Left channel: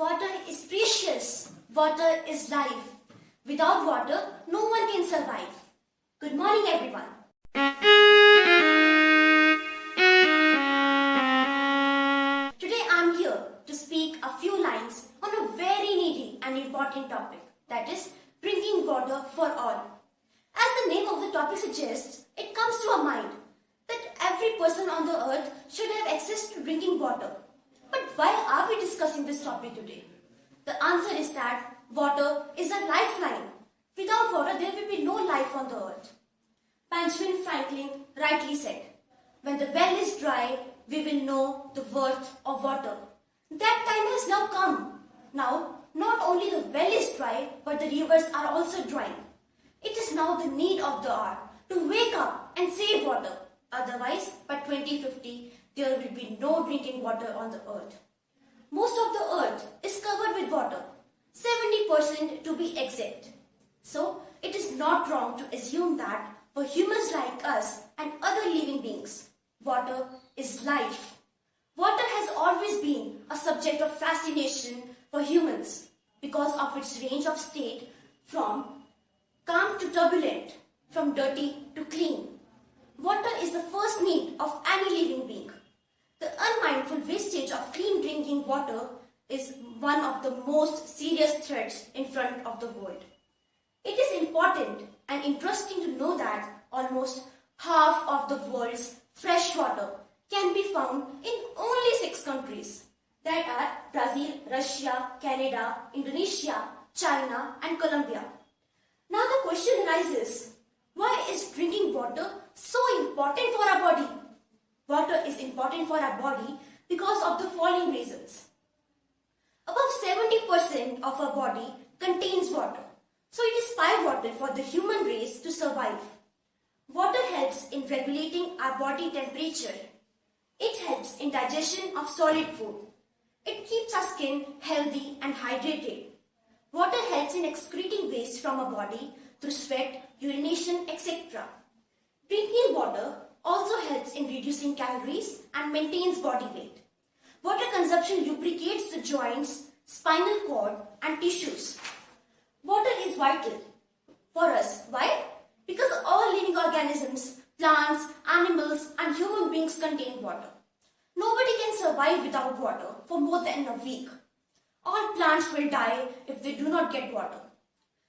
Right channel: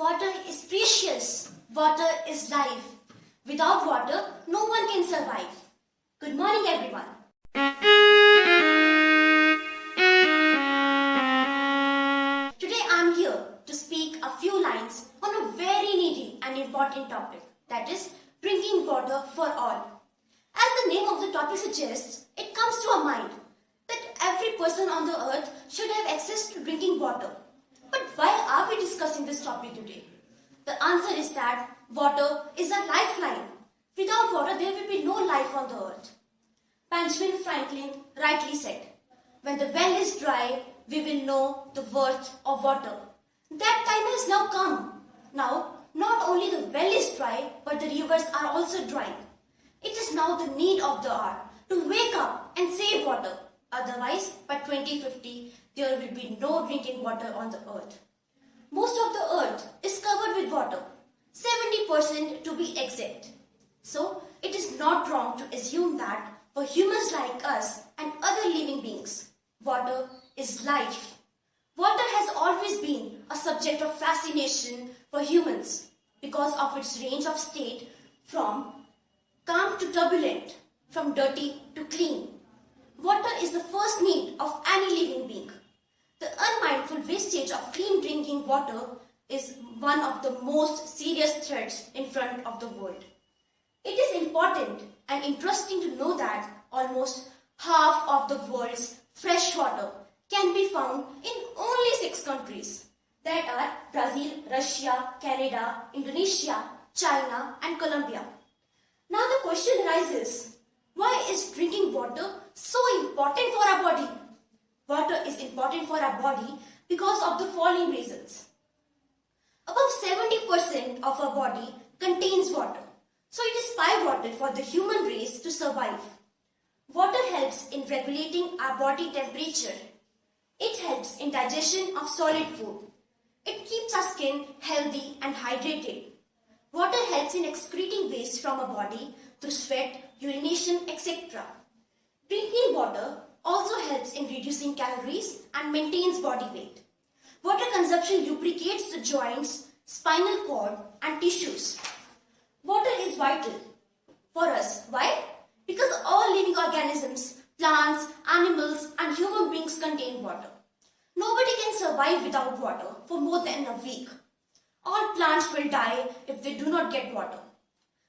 Water is precious. Water is life. Without water, no one can survive. Good morning, everyone. Today I'm here to speak a few lines on a very needy and important topic, that is drinking water for all. As the name of the topic suggests, it comes to our mind that every person on the earth should have access to drinking water. But why are we discussing this topic today? The answer is that water is a lifeline. Without water, there will be no life on the earth. Benjamin Franklin rightly said, "When the well is dry, we will know the worth of water." That time has now come. Now, not only the well is dry, but the rivers are also drying. It is now the need of the hour to wake up and save water. Otherwise, by 2050, there will be no drinking water on the earth. Most of the earth is covered with water, 70% to be exact. So, it is not wrong to assume that for humans like us and other living beings, water is life. Water has always been a subject of fascination for humans because of its range of state from calm to turbulent, from dirty to clean. Water is the first need of any living being. The unmindful wastage of clean drinking water is one of the most serious threats in front of the world. It is important and interesting to know that almost half of the world's fresh water can be found in only 6 countries. That are Brazil, Russia, Canada, Indonesia, China and Colombia. Now the question arises, why is drinking water so important for our body? Water is important for our body because of the following reasons. About 70% of our body contains water. So it is pivotal for the human race to survive. Water helps in regulating our body temperature. It helps in digestion of solid food. It keeps our skin healthy and hydrated. Water helps in excreting waste from our body through sweat, urination, etc. Drinking water also helps in reducing calories and maintains body weight. Water consumption lubricates the joints, spinal cord and tissues. Water is vital for us. Why? Because all living organisms, plants, animals and human beings contain water. Nobody can survive without water for more than a week. All plants will die if they do not get water.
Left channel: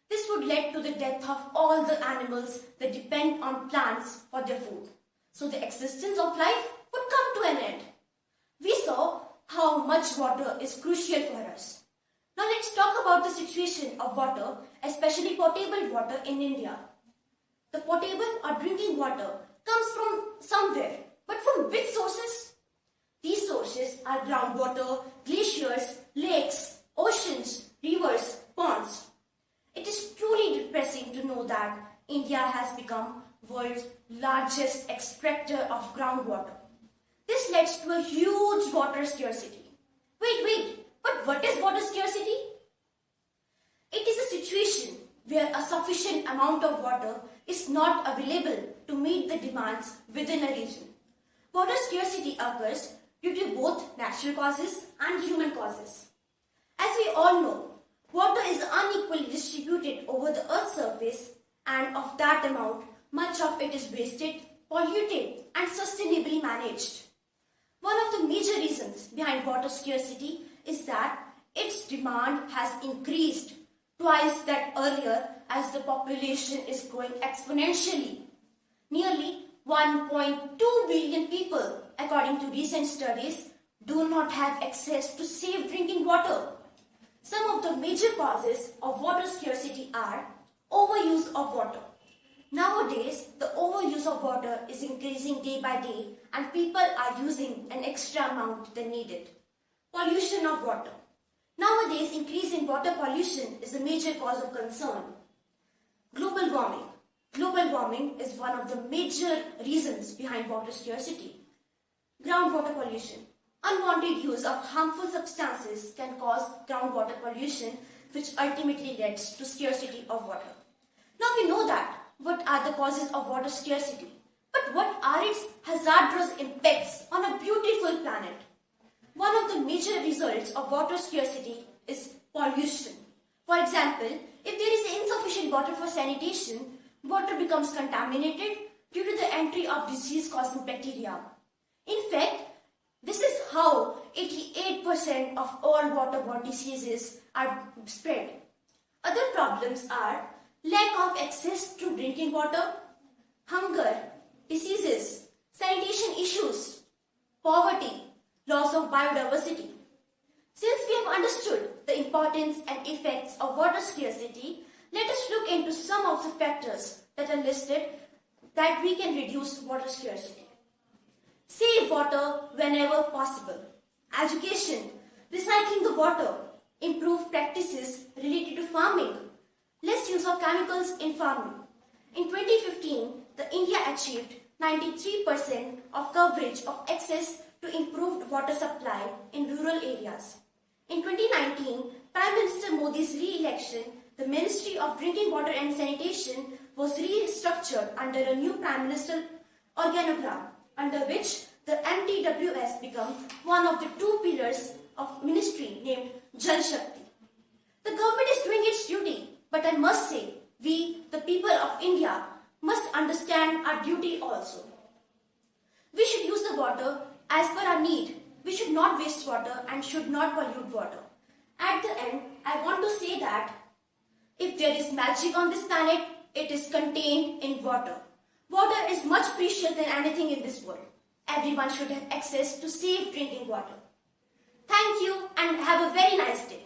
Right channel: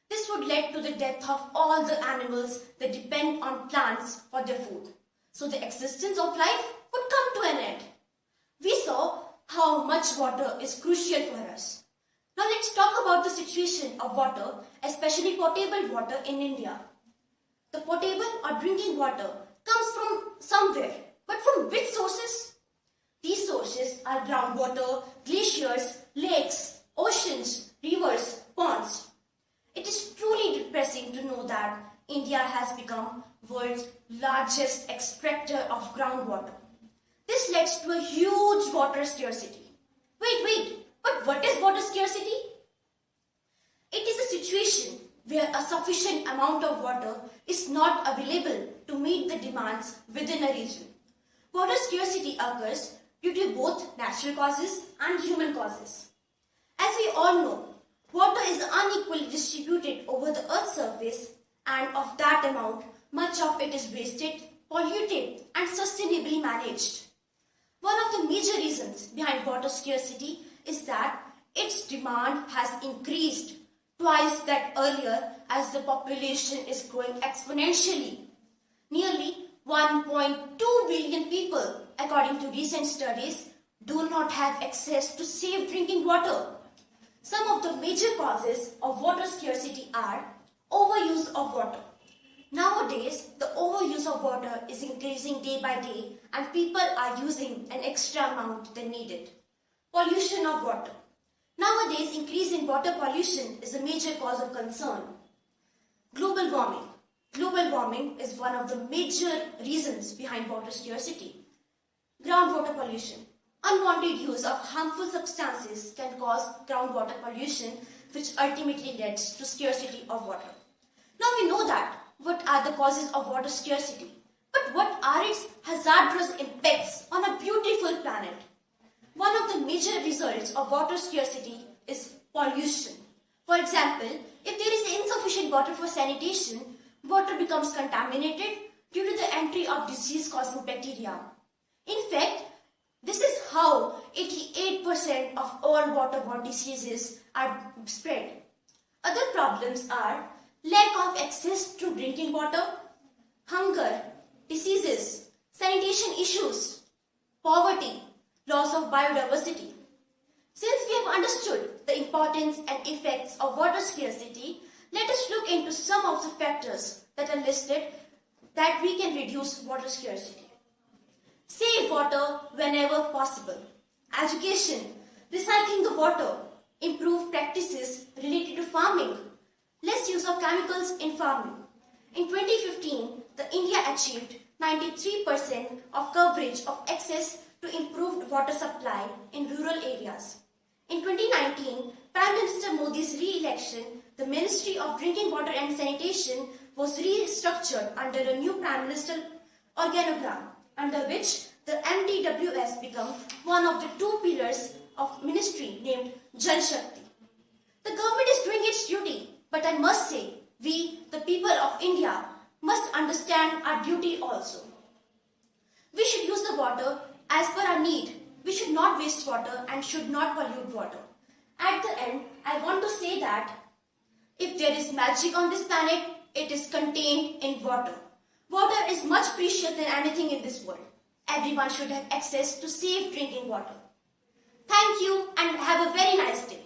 This would lead to the death of all the animals that depend on plants for their food. So the existence of life would come to an end. We saw how much water is crucial for us. Now let's talk about the situation of water, especially potable water in India. The potable or drinking water comes from somewhere, but from which sources? These sources are groundwater, glaciers, lakes, oceans, rivers, ponds. It is truly depressing to know that India has become world's largest extractor of groundwater. This leads to a huge water scarcity. Wait, but what is water scarcity? It is a situation where a sufficient amount of water is not available to meet the demands within a region. Water scarcity occurs due to both natural causes and human causes. As we all know, water is unequally distributed over the earth's surface, and of that amount, much of it is wasted, polluted and sustainably managed. One of the major reasons behind water scarcity is that its demand has increased twice that earlier as the population is growing exponentially. Nearly 1.2 billion people, according to recent studies, do not have access to safe drinking water. Some of the major causes of water scarcity are overuse of water. Nowadays, the overuse of water is increasing day by day and people are using an extra amount than needed. Pollution of water. Nowadays, increase in water pollution is a major cause of concern. Global warming. Global warming is one of the major reasons behind water scarcity. Groundwater pollution. Unwanted use of harmful substances can cause groundwater pollution, which ultimately leads to scarcity of water. Now we know that what are the causes of water scarcity, but what are its hazardous impacts on a beautiful planet? one of the major results of water scarcity is pollution. For example, if there is insufficient water for sanitation, water becomes contaminated due to the entry of disease-causing bacteria. In fact, this is how 88% of all waterborne diseases are spread. Other problems are lack of access to drinking water, hunger, diseases, sanitation issues, poverty, loss of biodiversity. Since we have understood the importance and effects of water scarcity, let us look into some of the factors that are listed that we can reduce water scarcity. Save water whenever possible. Education, recycling the water, improve practices related to farming, less use of chemicals in farming. In 2015, India achieved 93% of coverage of access to improved water supply in rural areas. In 2019, Prime Minister Modi's re-election, the Ministry of Drinking Water and Sanitation was restructured under a new Prime Minister organogram, under which the MDWS became one of the two pillars of ministry named Jal Shakti. The government is doing its duty, but I must say, we, the people of India, must understand our duty also. We should use the water as per our need. We should not waste water and should not pollute water. At the end, I want to say that if there is magic on this planet, it is contained in water. Water is much precious than anything in this world. Everyone should have access to safe drinking water. Thank you and have a very nice day.